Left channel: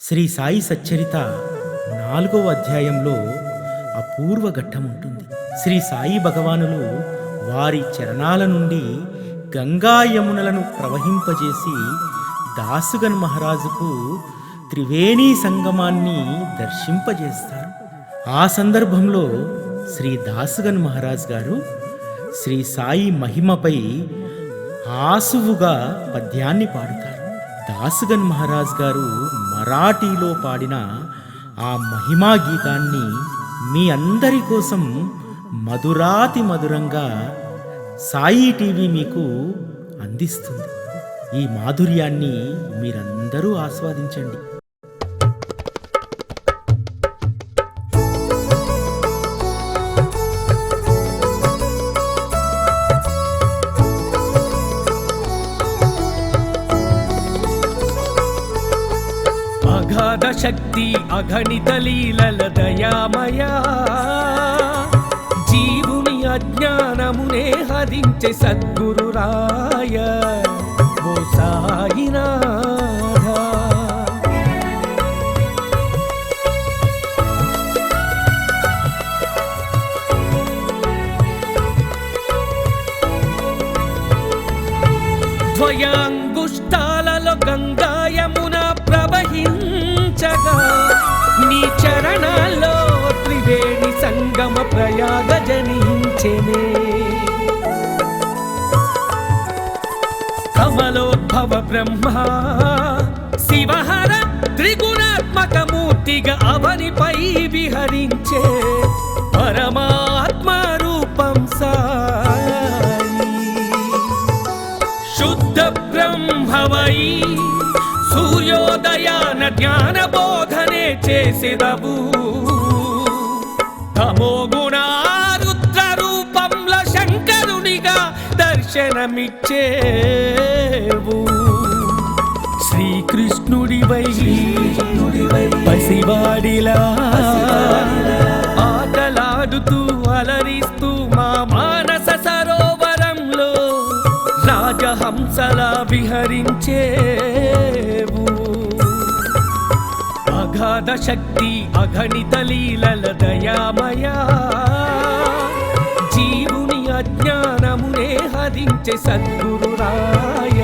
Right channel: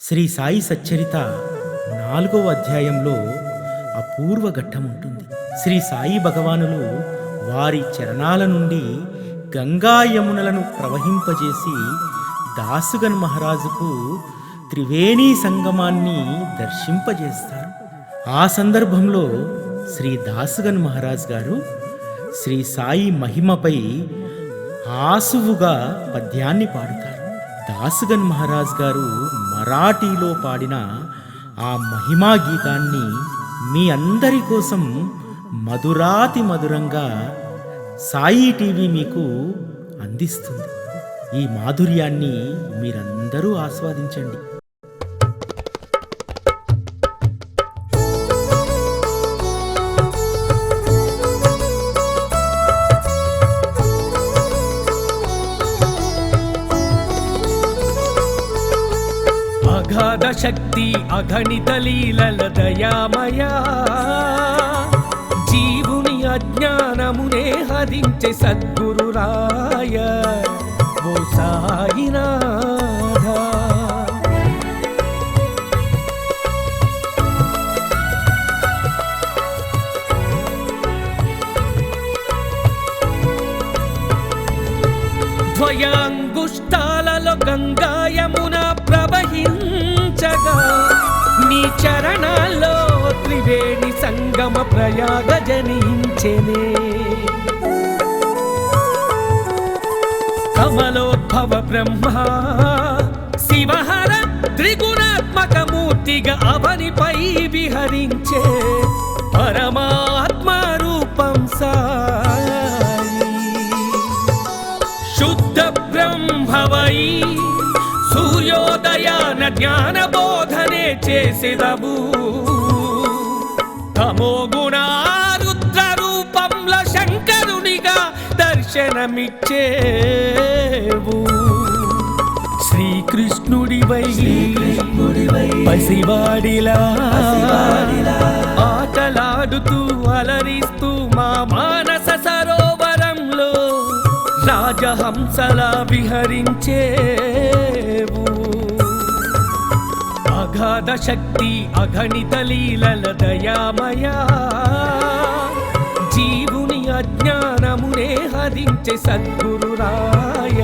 శ్రీ సాయి సచ్చరిత నాలుగవ అధ్యాయంలో అపూర్వ ఘట్టం ఉంటుంది. శ్రీ సాయి భగవానులు వారి చరణాల నుండి గంగా యమునలను ప్రవహింపజేసి దాసుగన్ మహారాజుకు త్రివేణి సంగమాన్ని దర్శింపజేస్తారు. ఆ సందర్భంలో శ్రీ దాసుగన్ మహారాజ్ గారు శ్రీ సాయి మహిమపై ఆసువుగా పద్యాన్ని పాడుతారు. దాసుగన్ మహారాజ్ గారు మరాఠీలో పాడిన ఆ మహిమా గీతాన్ని మీ అందరి కోసం మధురాతి మధురంగా సాయి టీవీ మీకు అందిస్తుంది. ఈ మాధుర్యాన్ని మీరందరూ ఆస్వాదించండి. అగాధ శక్తి అగణిత లీలల దయామయా. జీవుని అజ్ఞానమునే హరించే సద్గురు రాయ ఓ సాయినాథ. ద్వయాంగుష్ట ప్రవహించగా నీ చరణాల్లో త్రివేణి సంగమ ప్రయాగ జనించెనే. కమలోద్భవ బ్రహ్మ శివహర త్రిగుణాత్మక మూర్తిగా అవనిపై విహరించే పరమాత్మ రూపం సాయి. శుద్ధ బ్రహ్మవై జ్ఞాన బోధనే చేసేదవు. తమో గుణారుద్ర రూపంల శంకరునిగా దర్శనమిచ్చేవు. శ్రీకృష్ణుడివై పసివాడిలా ఆటలాడుతూ అలరిస్తూ మా మానస సరోవరంలో రాజహంసలా విహరించేవు. అగాధ శక్తి అగణిత లీలల దయామయా. జీవుని అజ్ఞానమునే హరించే సద్గురురాయ.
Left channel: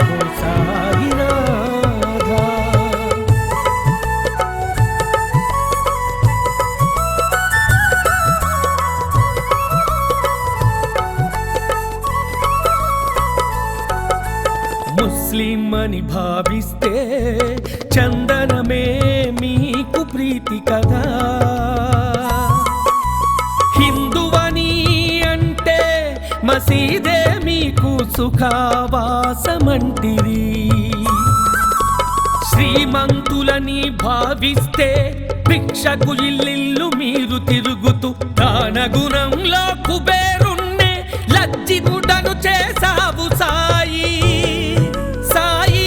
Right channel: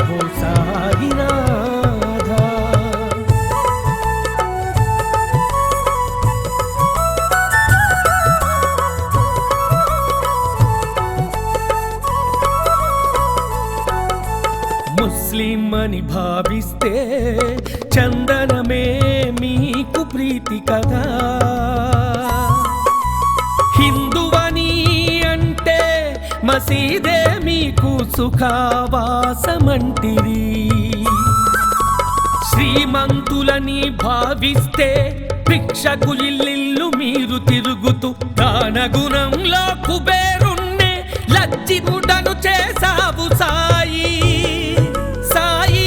ఓ సాయినాథ. భావిస్తే చందనమే మీకు ప్రీతి కదా. హిందువని అంటే మసీదే మీకు సుఖావాసమంటిరి శ్రీమంతులని భావిస్తే భిక్షకు ఇల్లిల్లు మీరు తిరుగుతూ దాన గుణంలో కుబేరుణ్ణే లజ్జిగుడను చేసావు సాయి. సాయి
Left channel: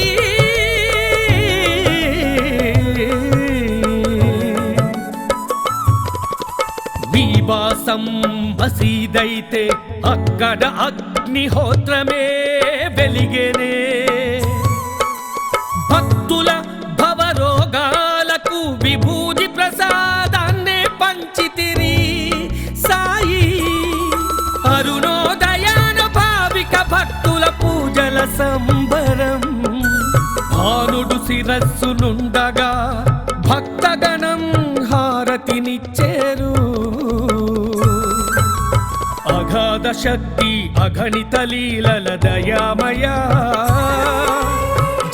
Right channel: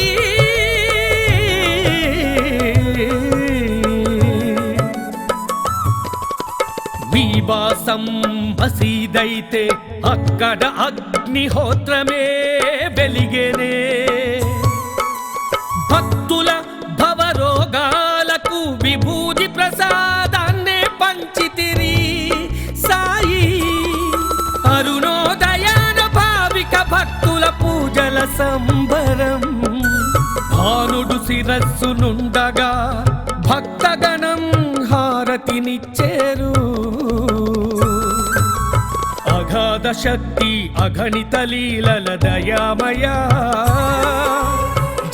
వివాసం మసీదైతే అక్కడ అగ్నిహోత్రమే వెలిగేనే. భక్తుల భవరోగాలకు విభూతి ప్రసాదాన్నే పంచితిరి సాయి. అరుణోదయాన భావిక భక్తుల పూజల సంబరం. భానుడు శిరస్సు నుండగా భక్తగణం హారతినిచ్చేరు. శక్తి అఘనిత లీలల దయామయా.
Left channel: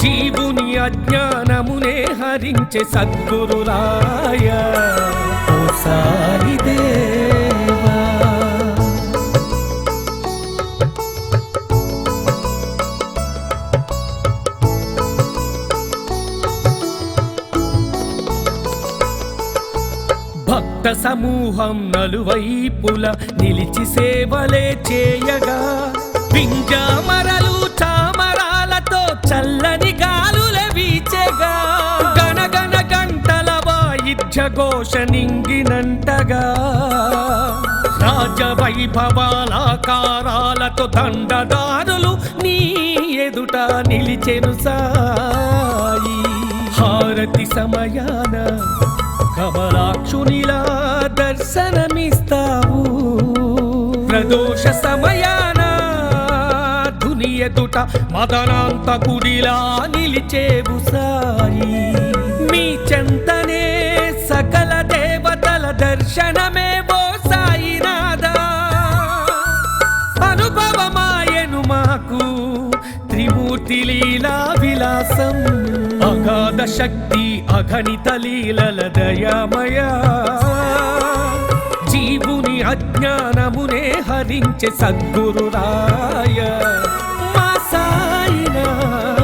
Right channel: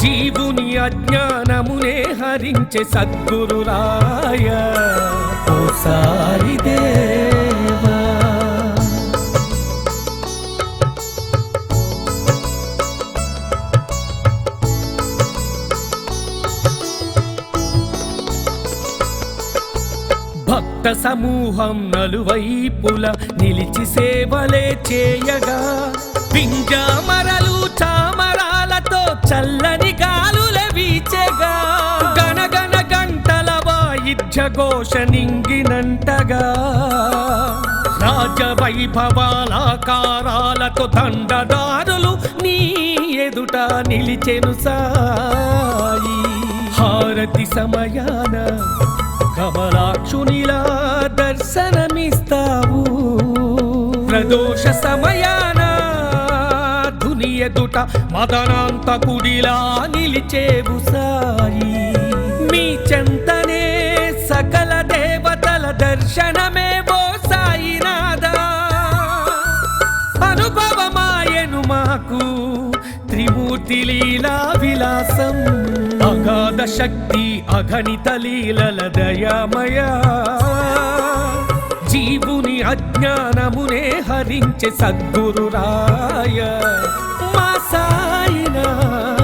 జీవుని అజ్ఞానమునే హరించే సద్గురు రాయ భక్త సమూహం నలువైపుల నిలిచి సేవలే చేయగా పింజామరలు చామరాలతో చల్లని గాలుల వీచెగా. గణగణ గంటల వాయిద్య ఘోష నింగినంటగా రాజవైభవాలాకారాలతో దండదారులు నీ ఎదుట నిలిచెను సాయి. హారతి సమయాన కమలాక్షునిలా దర్శనమిస్తావు. ప్రదోష సమయాన ధుని ఎదుట మదనాంతకుడిలా నిలిచేవు సాయి. మీ చెంతనే సకల దేవతల దర్శనమే. త్రిమూర్తి లీలా విలాసం అగాధ శక్తి అగణిత లీలల దయామయ జీవుని అజ్ఞానమునే హరించే సద్గురురాయ మా సాయినాథ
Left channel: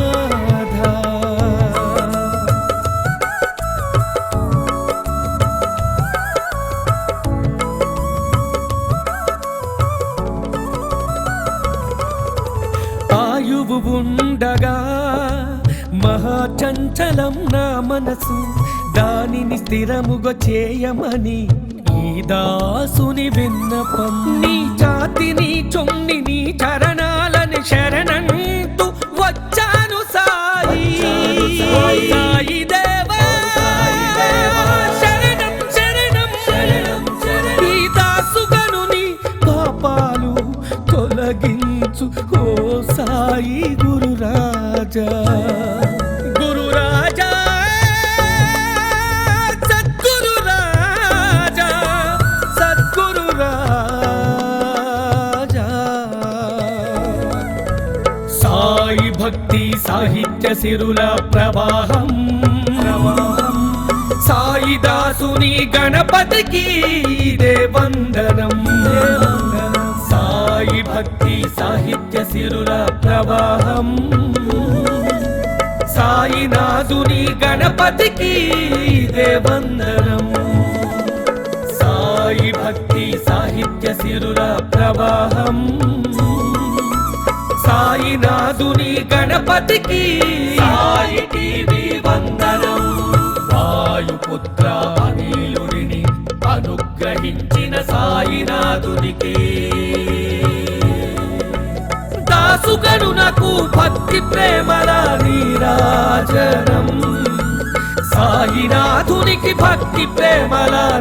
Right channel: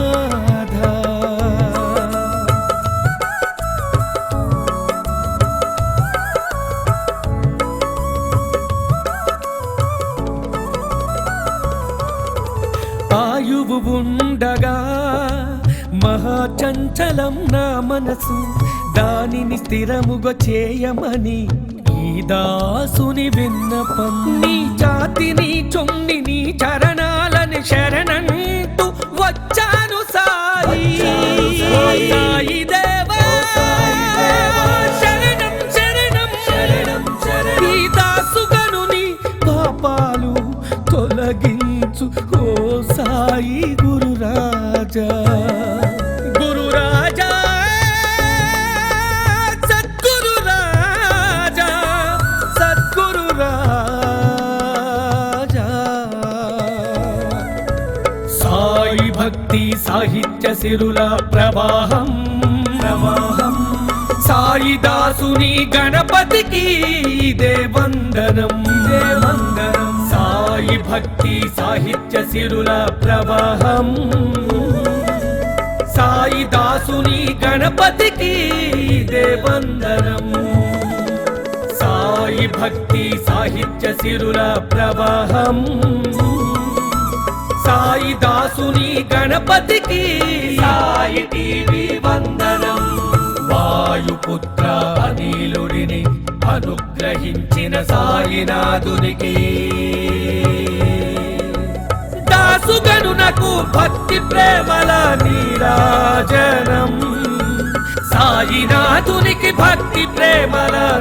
చంచలం నా మనసు. దానిని స్థిరముగా చేయమని ఈ దాసుని విన్నపం. నీ జాతిని చొమ్మి నీ చరణాలని శరణంటూ వచ్చాను సాయి. సాయి దేవా శరణం శరణం. ఈ దాసుగనుని పాపాలు తొలగించు. ఓ సాయి గురు భక్తి సాహిత్య సిరుల ప్రవాహం. సాయిదాసుని గణపతికి ఇదే వందనం. సాయి భక్తి సాహిత్య సిరుల ప్రవాహం. సాయిదాసుని గణపతికి ఇదే వందనం. గణపతికి. సాయి టీవీ వందనం. వాయుపుత్ర అనిలుని అనుగ్రహించిన సాయినాథునికి. దాసుగను నాకు భక్తి ప్రేమల నీరాజనం. సాయినాథునికి భక్తి ప్రేమల